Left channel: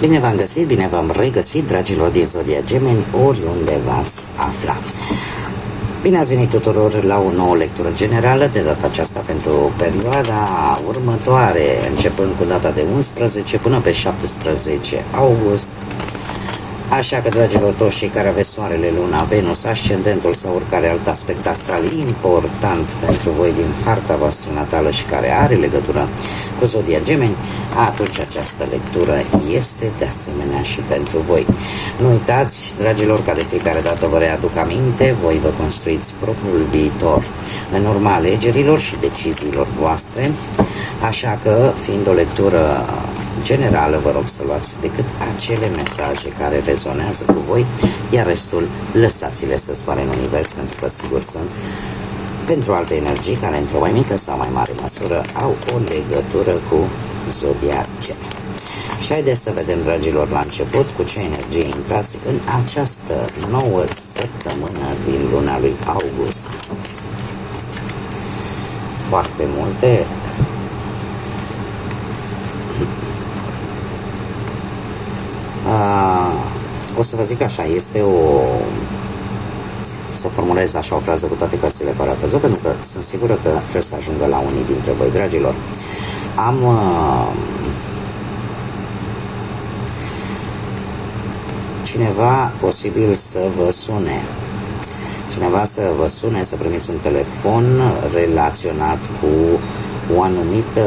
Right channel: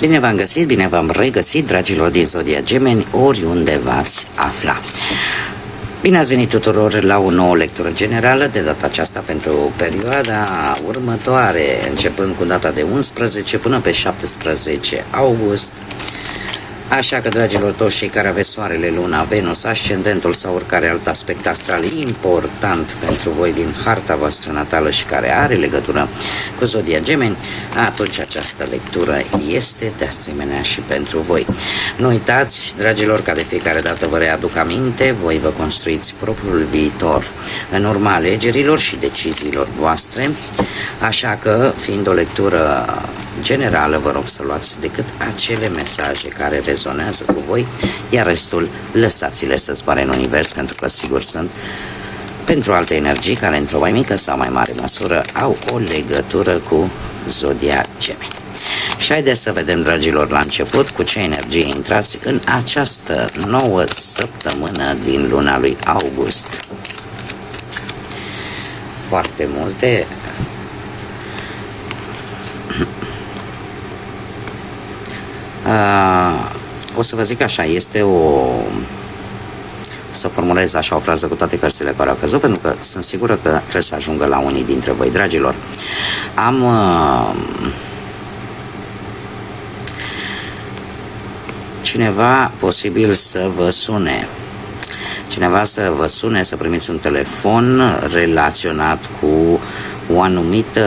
Bine v-am găsit, bine v-am regăsit, dragilor din Zodia Gemeni, oriunde v-ați afla. Bine ați venit tuturor la o nouă lectură generală, de data aceasta pentru perioada următoare, începând cu data de 11 până pe 17 august. Așa că, dragilor, toți cei care aveți Soarele, Luna, Venus, Ascendentul sau oricare alt aspect astral important pentru voi din harta voastră natală și care are legătură cu Zodia Gemeni, atunci această lectură este de asemenea și pentru voi. Nu uitați, dragilor, ca de fiecare dată vă readuc aminte, voi vă construiți propriul viitor în urma alegerilor și deciziilor voastre, așa că, fiind o lectură generală, vă rog să luați decât acele mesaje care rezonează cu voi, iar restul lăsați-le să zboare în univers, pentru că sigur sunt pentru alte energii care într-o mai mică sau mai mare măsură au o legătură cu Zodia Gemeni. Și haideți să vedem, dragilor, la început cu ce energie intrați în această nouă săptămână din luna lui august. Foarte multe. O să vă zic așa, este să formulez așa o frază cu toate cărțile care au căzut, pentru că sunt sigură că trebuie să ajungă la unii dintre voi, dragilor. Am cineva posibil să vă sune. Cineva să vă sune, să primiți un telefon relaționat cu o anumită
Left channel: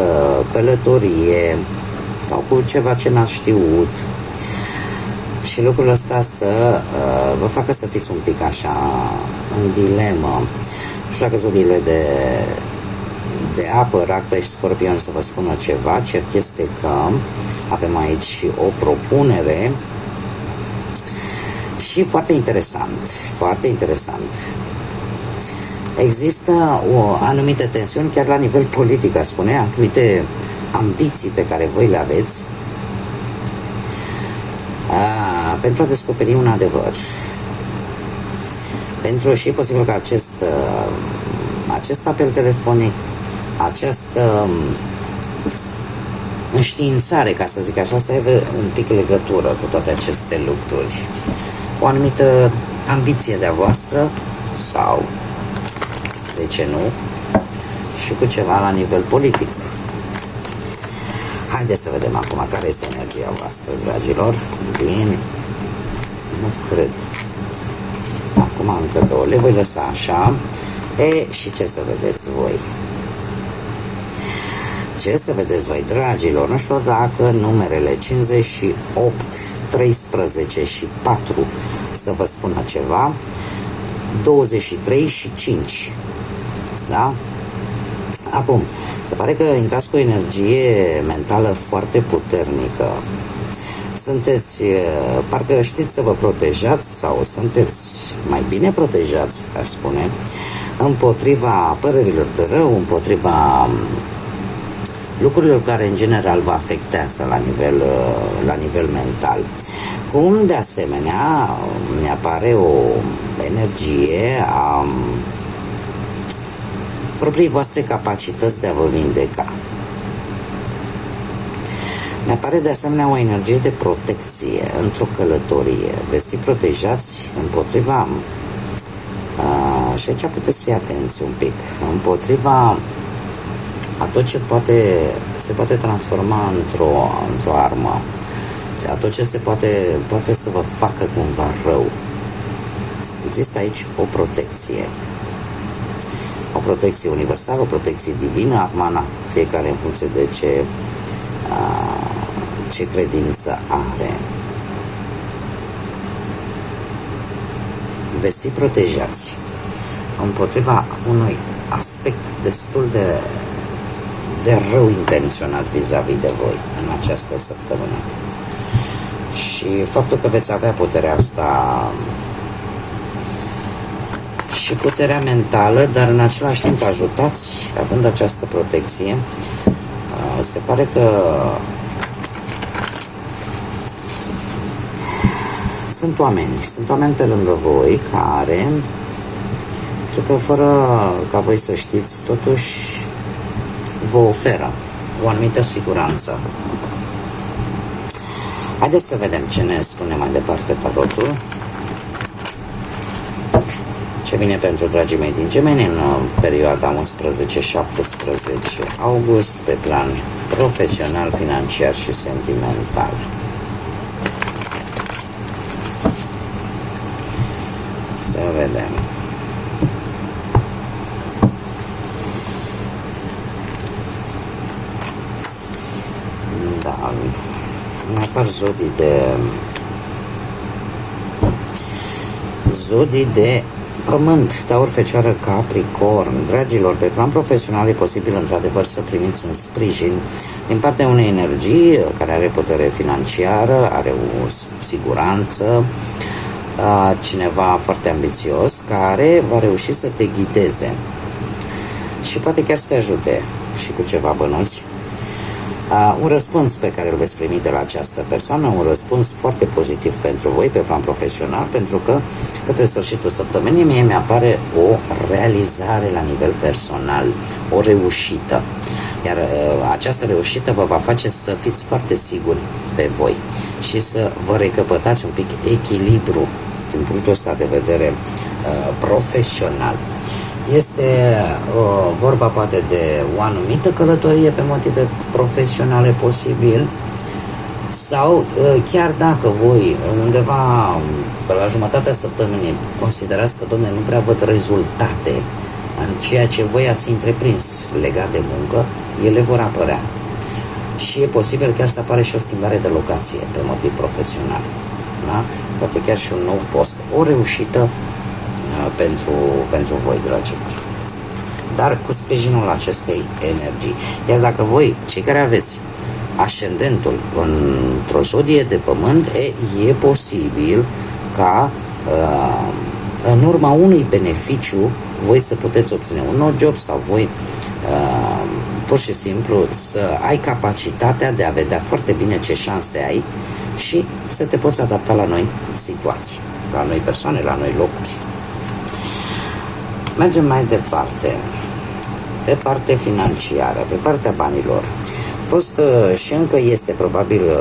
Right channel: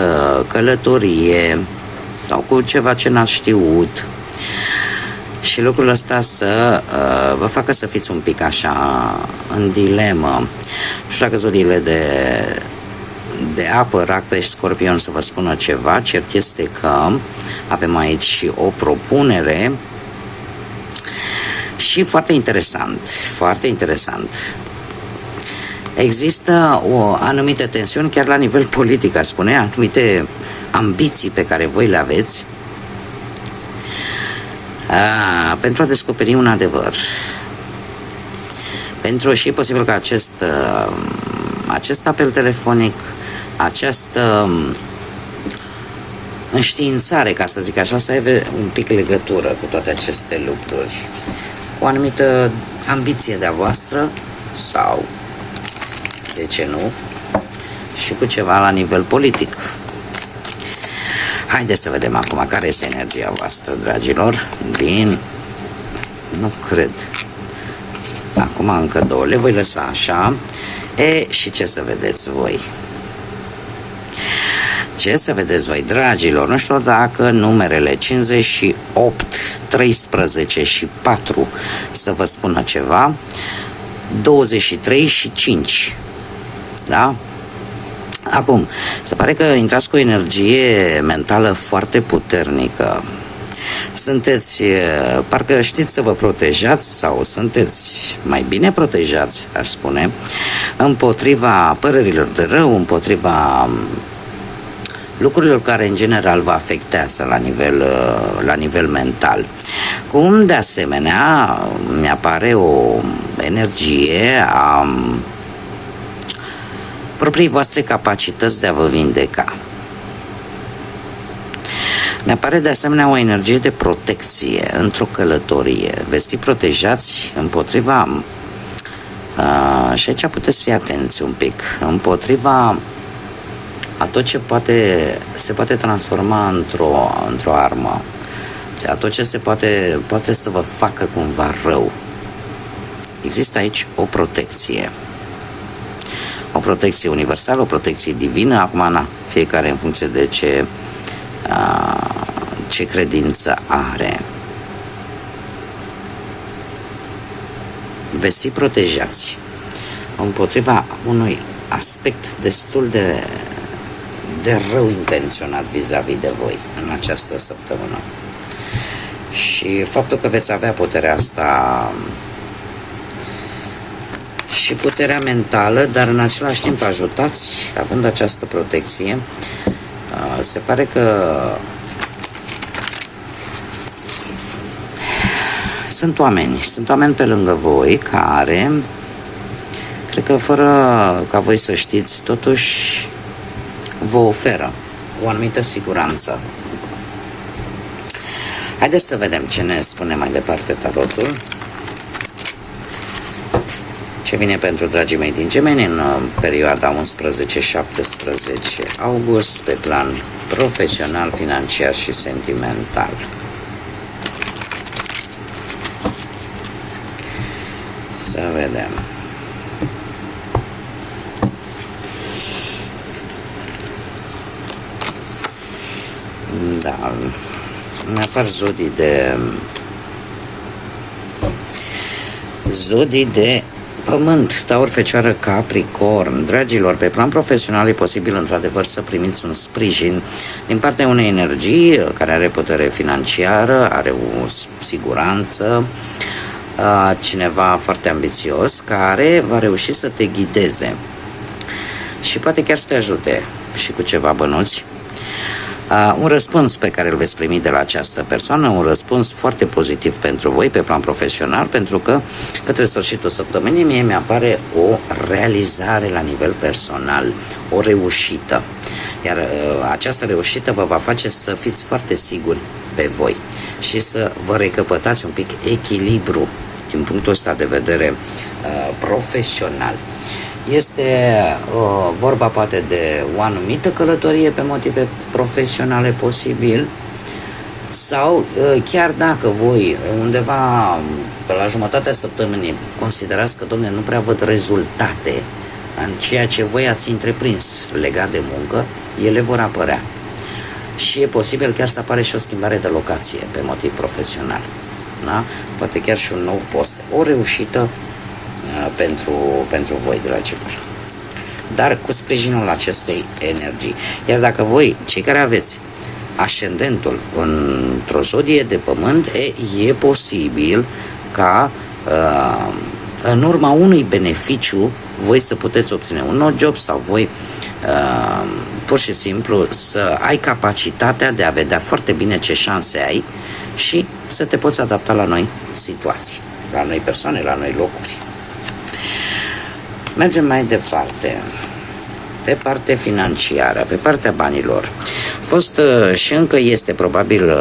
călătorie sau cu ceva ce n-ați știut. Și lucrul ăsta să vă facă să fiți un pic așa în dilemă. Nu știu dacă zodiile de apă, rac, pești, scorpion să vă spună ceva. Cert este că avem aici și o propunere și foarte interesant, foarte interesant. Există o anumită tensiune chiar la nivel politic, aș spune, anumite ambiții pe care voi le aveți pentru a descoperi un adevăr. Pentru și e posibil că acest apel telefonic, această înștiințare, ca să zic așa, să aibă un pic legătură cu toate aceste lucruri, cu o anumită ambiție de-a voastră sau, de ce nu, și cu ceva la nivel politic. Haideți să vedem acum care este energia voastră, dragilor, nu cred. Acum încă două, le voi lăsa așa. Și ce să vedeți voi? Ce să vedeți voi, dragilor? Nu știu dacă numerele 58, 13 și 4 să vă spună ceva. 23 și 5. Da? Acum, se pare că intrați cu o energie mentală foarte puternică. Sunteți, parcă știți să vă protejați sau sunteți mai bine protejați, aș spune, împotriva părerilor de rău, împotriva lucrurilor care în general vă afectează la nivel mental. Cum de asemenea mi-apare o energie a proprii voastre capacități de a vă vindeca. Mi-apare de asemenea o energie de protecție într-o călătorie. Veți fi protejați împotriva, și aici puteți fi atenți un pic, împotriva a tot ce se poate transforma într-o armă, a tot ce poate să vă facă cumva rău. Există aici o protecție. O protecție universală, o protecție divină, acum fiecare în funcție de ce credință are. Veți fi protejați împotriva unui aspect destul de rău intenționat vis-a-vis de voi în această săptămână. Și faptul că veți avea puterea asta și puterea mentală, dar în același timp ajutați, având această protecție, se pare că sunt oameni pe lângă voi care, cred că fără ca voi să știți, totuși vă oferă o anumită siguranță. Haideți să vedem ce ne spune mai departe tarotul. Ce vine pentru dragii mei din Gemeni în perioada 11-17 august pe plan profesional, financiar și sentimental. Să vedem. Da, mai apar zodii de Pământ, Taur, Fecioară, Capricorn. Dragilor, pe plan profesional e posibil într-adevăr să primiți un sprijin din partea unei energii care are putere financiară, are o siguranță, cineva foarte ambițios care va reuși să te ghideze și poate chiar să te ajute și cu ceva bănuți. Un răspuns pe care îl veți primi de la această persoană, un răspuns foarte pozitiv pentru voi pe plan profesional, pentru că către sfârșitul săptămânii mie mi-apare o realizare la nivel personal, o reușită. Iar această reușită vă va face să fiți foarte siguri pe voi și să vă recăpătați un pic echilibru din punctul ăsta de vedere profesional. Este vorba poate de o anumită călătorie pe motive profesionale posibil, sau chiar dacă voi undeva pe la jumătatea săptămânii considerați că, domne, nu prea văd rezultate în ceea ce voi ați întreprins legat de muncă, ele vor apărea. Și e posibil chiar să apare și o schimbare de locație pe motiv profesional. Da? Poate chiar și un nou post. O reușită pentru voi, dragilor. Dar cu sprijinul acestei energii. Iar dacă voi, cei care aveți ascendentul într-o zodie de pământ, e posibil ca în urma unui beneficiu voi să puteți obține un nou job sau voi pur și simplu să ai capacitatea de a vedea foarte bine ce șanse ai și să te poți adapta la noi situații, la noi persoane, la noi locuri. Mergem mai departe. Pe partea financiară, pe partea banilor. A fost și încă este probabil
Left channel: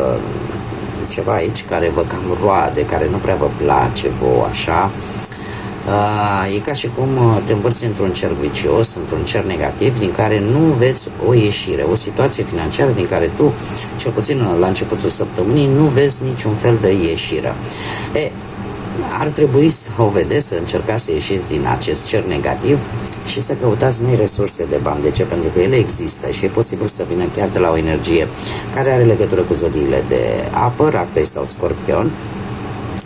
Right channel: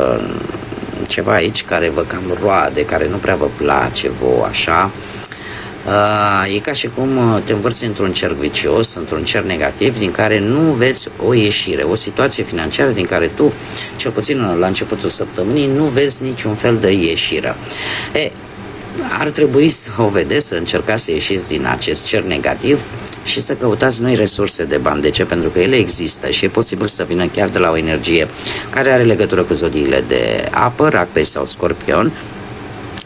ceva aici care vă cam roade, care nu prea vă place vouă, așa. E ca și cum te învârți într-un cerc vicios, într-un cerc negativ, din care nu vezi o ieșire, o situație financiară din care tu, cel puțin la începutul săptămânii, nu vezi niciun fel de ieșire. Ar trebui să o vedeți, să încercați să ieșiți din acest cerc negativ și să căutați noi resurse de bani. De ce? Pentru că ele există și e posibil să vină chiar de la o energie care are legătură cu zodiile de apă, Rac, Pești sau Scorpion,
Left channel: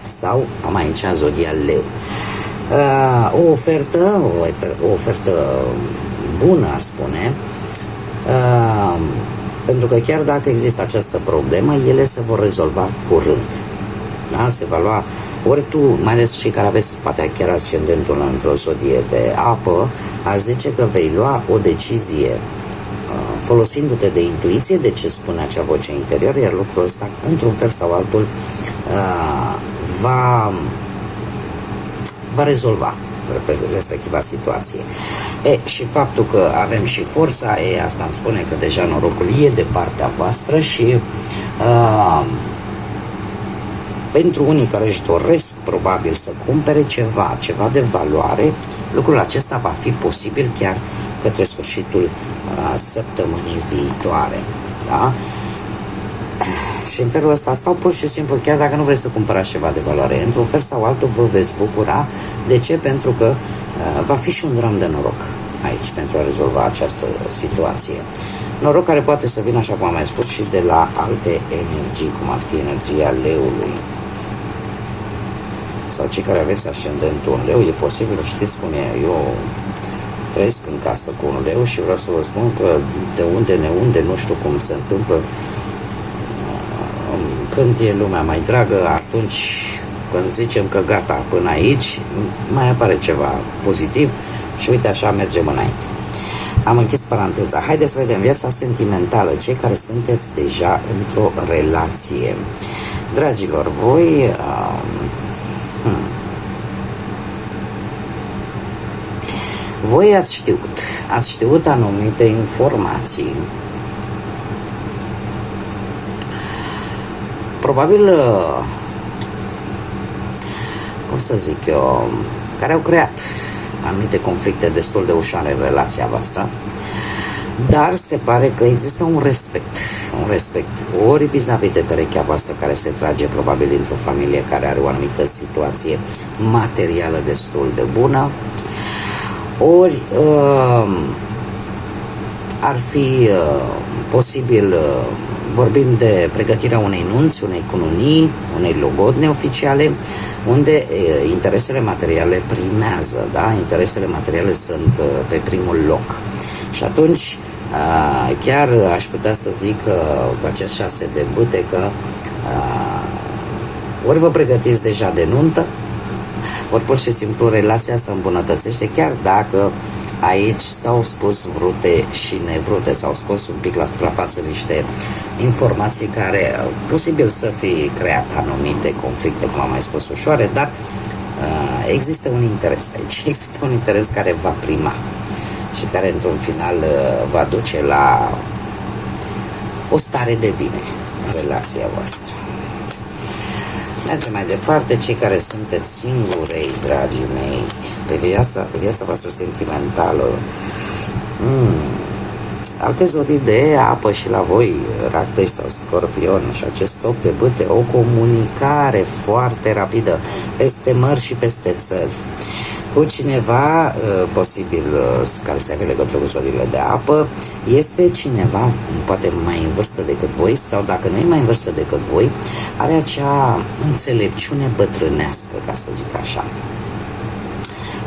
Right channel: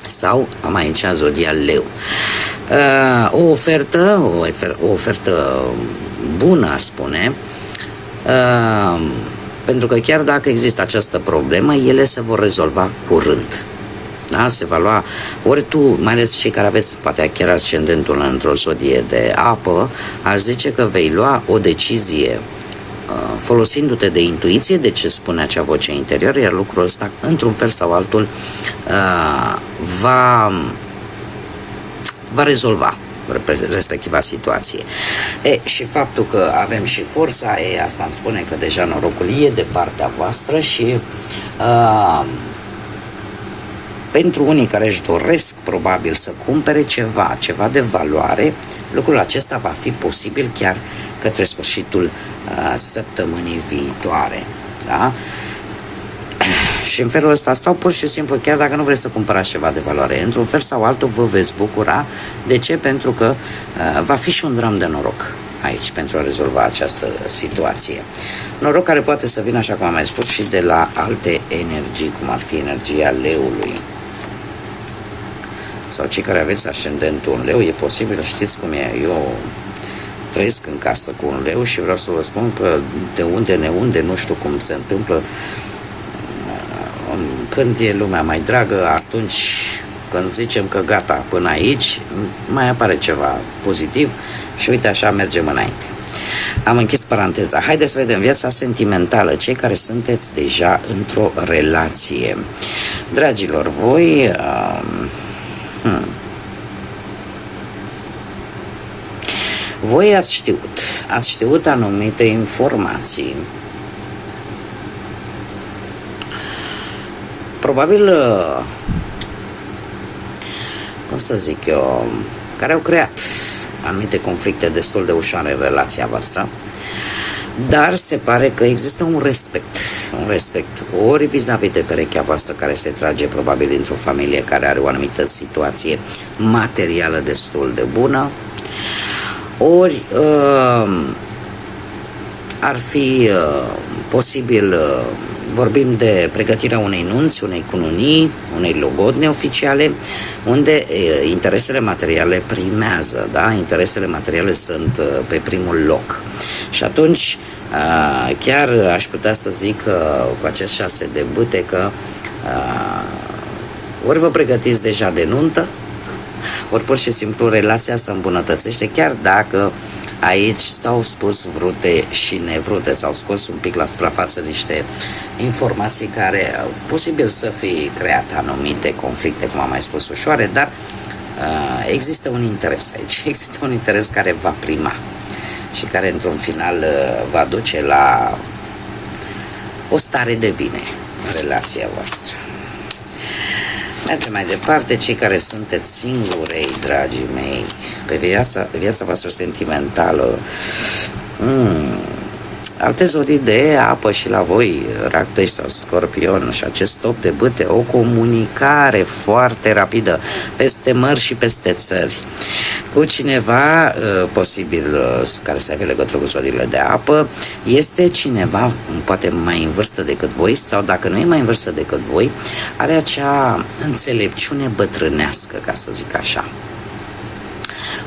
sau am aici zodia Leu. O ofertă bună, aș spune, pentru că chiar dacă există această problemă, ele se vor rezolva curând. Da? Se va lua, ori tu, mai ales cei care aveți poate chiar ascendentul într-o zodie de apă, aș zice că vei lua o decizie folosindu-te de intuiție, de ce spune acea voce interioară, iar lucrul ăsta, într-un fel sau altul, va rezolva respectiva situație. Și faptul că avem și forța, asta îmi spune că deja norocul e de partea voastră și pentru unii care își doresc probabil să cumpere ceva de valoare, lucrul acesta va fi posibil chiar către sfârșitul săptămânii viitoare. Da? Și în felul ăsta, sau pur și simplu, chiar dacă nu vreți să cumpărați ceva de valoare, într-un fel sau altul vă veți bucura. De ce? Pentru că va fi și un ram de noroc aici pentru a rezolva această situație. Noroc care poate să vină, așa cum am mai spus, și de la alte energii, cum ar fi energia leului. Sau cei care aveți ascendentul în leu, e posibil, știți cum e, eu trăiesc în casă cu un leu și vreau să vă spun că de unde, nu știu cum se întâmplă, când e lumea mai dragă, atunci când zicem că gata, până aici, mai apare ceva pozitiv și uite așa mergem înainte. Am închis paranteza. Haideți să vedem viața sentimentală, cei care sunteți deja într-o relație. Dragilor, voi voi ați știut anumite informații. probabil, cum să zic eu, care au creat anumite conflicte destul de ușoare în relația voastră, dar se pare că există un respect, ori vis-a-vis de perechea voastră care se trage probabil dintr-o familie care are o anumită situație materială destul de bună, ori ar fi posibil, vorbim de pregătirea unei nunți, unei cununii, unei logodne oficiale, unde interesele materiale primează, da? Interesele materiale sunt pe primul loc. Și atunci chiar aș putea să zic cu acest 6 de bâte că ori vă pregătiți deja de nuntă, ori pur și simplu relația se îmbunătățește, chiar dacă aici s-au spus vrute și nevrute, s-au scos un pic la suprafață niște informații care posibil să fie creat anumite conflicte, cum am mai spus, ușoare, dar există un interes aici, există un interes care va prima și care într-un final va duce la o stare de bine în relația voastră. Mergem mai departe, cei care sunteți singurei, dragii mei, pe viața voastră sentimentală. Alte zodii de apă și la voi, Rac 2 sau Scorpion, și acest 8 de bâte, o comunicare foarte rapidă peste mări și peste țări cu cineva, posibil care să aibă legătură cu zodiile de apă, este cineva poate mai în vârstă decât voi, sau dacă nu e mai în vârstă decât voi, are acea înțelepciune bătrânească, ca să zic așa.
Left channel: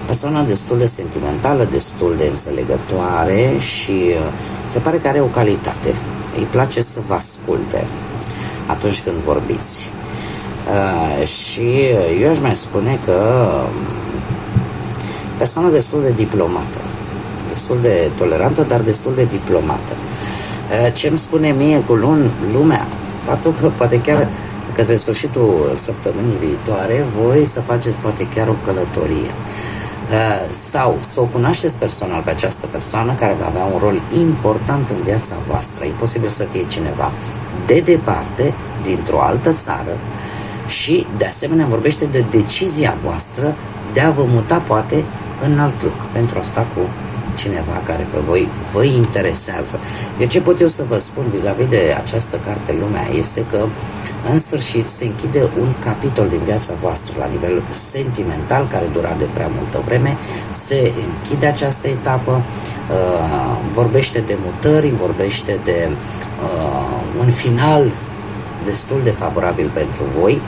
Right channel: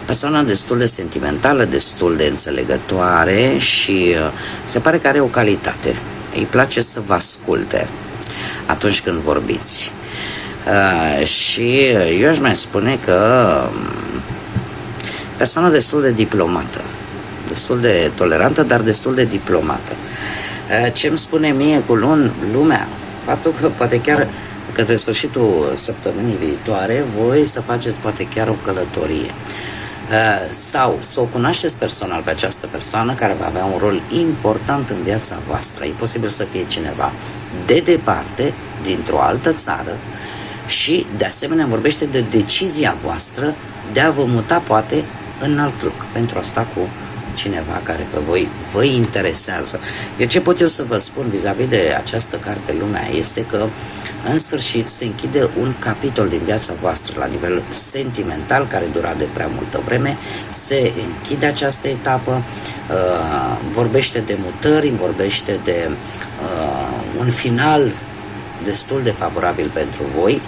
Persoana destul de sentimentală, destul de înțelegătoare și se pare că are o calitate. Îi place să vă asculte atunci când vorbiți. Și eu aș mai spune că persoana destul de diplomată, destul de tolerantă, dar destul de diplomată. Ce îmi spune mie cu lumea? Faptul că poate chiar către sfârșitul săptămânii viitoare voi să faceți poate chiar o călătorie. Sau să o cunoașteți personal pe această persoană care va avea un rol important în viața voastră. E posibil să fie cineva de departe, dintr-o altă țară, și de asemenea vorbește de decizia voastră de a vă muta poate în alt loc, pentru a sta cu cineva care pe voi vă interesează. Eu ce pot eu să vă spun vis-a-vis de această carte Lumea este că în sfârșit se închide un capitol din viața voastră la nivel sentimental care dura de prea multă vreme, se închide această etapă, vorbește de mutări, vorbește de un final destul de favorabil pentru voi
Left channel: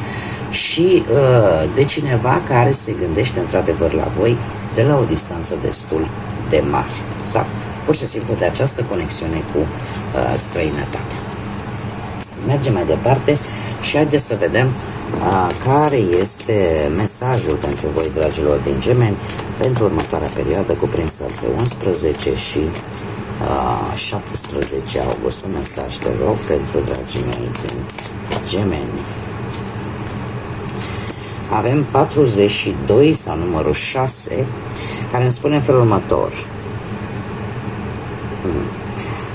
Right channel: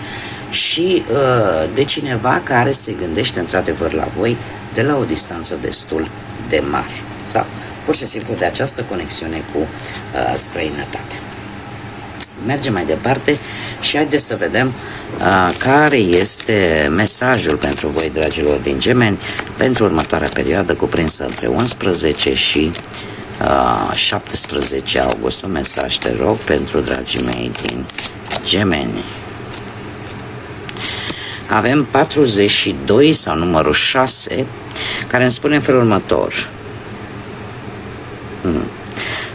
și de cineva care se gândește într-adevăr la voi de la o distanță destul de mare, sau pur și simplu de această conexiune cu străinătatea. Mergem mai departe și haideți să vedem care este mesajul pentru voi, dragilor din Gemeni, pentru următoarea perioadă cuprinsă între 11 și 17 august. Un mesaj, te rog, pentru dragii mei din Gemeni. Avem 42 sau numărul 6, care îmi spune în felul următor.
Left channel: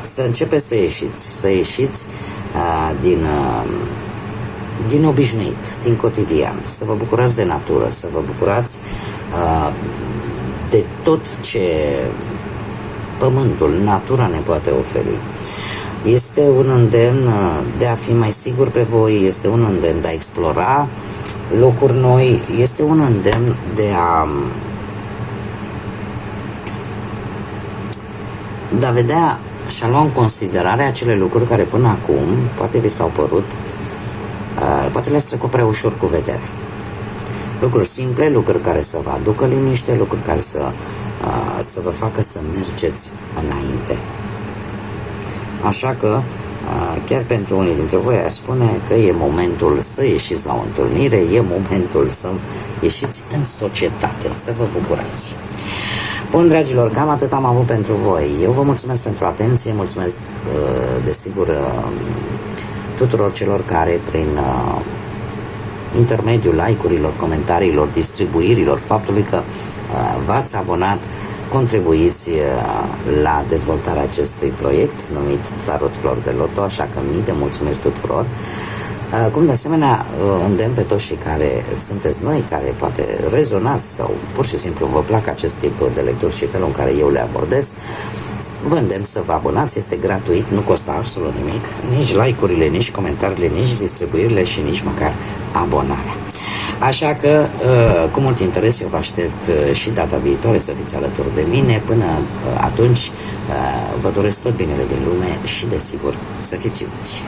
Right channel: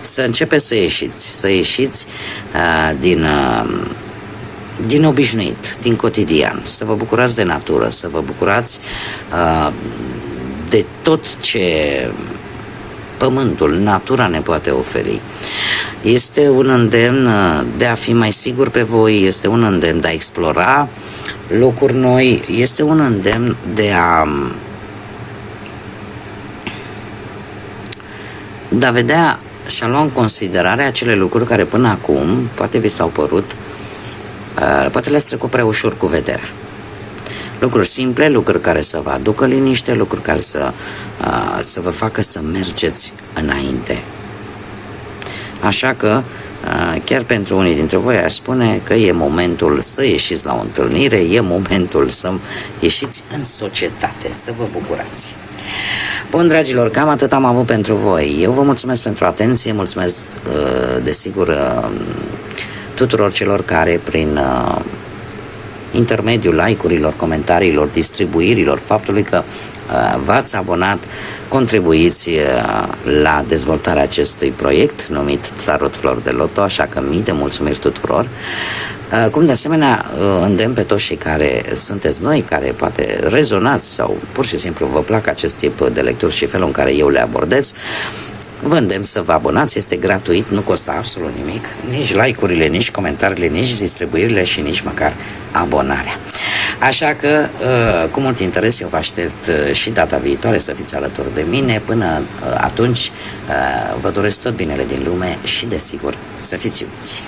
Să începeți să ieșiți din obișnuit, din cotidian, să vă bucurați de natură, să vă bucurați de tot ce pământul, natura ne poate oferi. Este un îndemn de a fi mai sigur pe voi, este un îndemn de a explora locuri noi, este un îndemn de a vedea și a lua în considerare acele lucruri care până acum poate vi s-au părut, poate le-ați trecut prea ușor cu vederea. Lucruri simple, lucruri care să vă aducă liniște, lucruri care să vă facă să mergeți înainte. Așa că chiar pentru unii dintre voi aș spune că e momentul să ieșiți la o întâlnire, e momentul să ieșiți în societate, să vă bucurați. Bun, dragilor, cam atât am avut pentru voi. Eu vă mulțumesc pentru atenție, mulțumesc desigur tuturor celor care prin intermediul like-urilor, comentariilor, distribuirilor, faptului că v-ați abonat, contribuiți la dezvoltarea acestui proiect numit Tarot Flori de Loto, așa că mii de mulțumiri tuturor. Cum de asemenea îndemn pe toți cei care sunteți noi, care poate rezonați sau pur și simplu vă plac acest tip de lecturi și felul în care eu le abordez, vă îndemn să vă abonați, este gratuit, nu costă absolut nimic, nici like-urile, nici comentariile, nici distribuirile și nici măcar abonarea. Așa că, cu mult interes, eu vă aștept și data viitoare să fiți alături de mine. Până atunci, vă doresc tot binele din lume și, desigur, să fiți iubiți.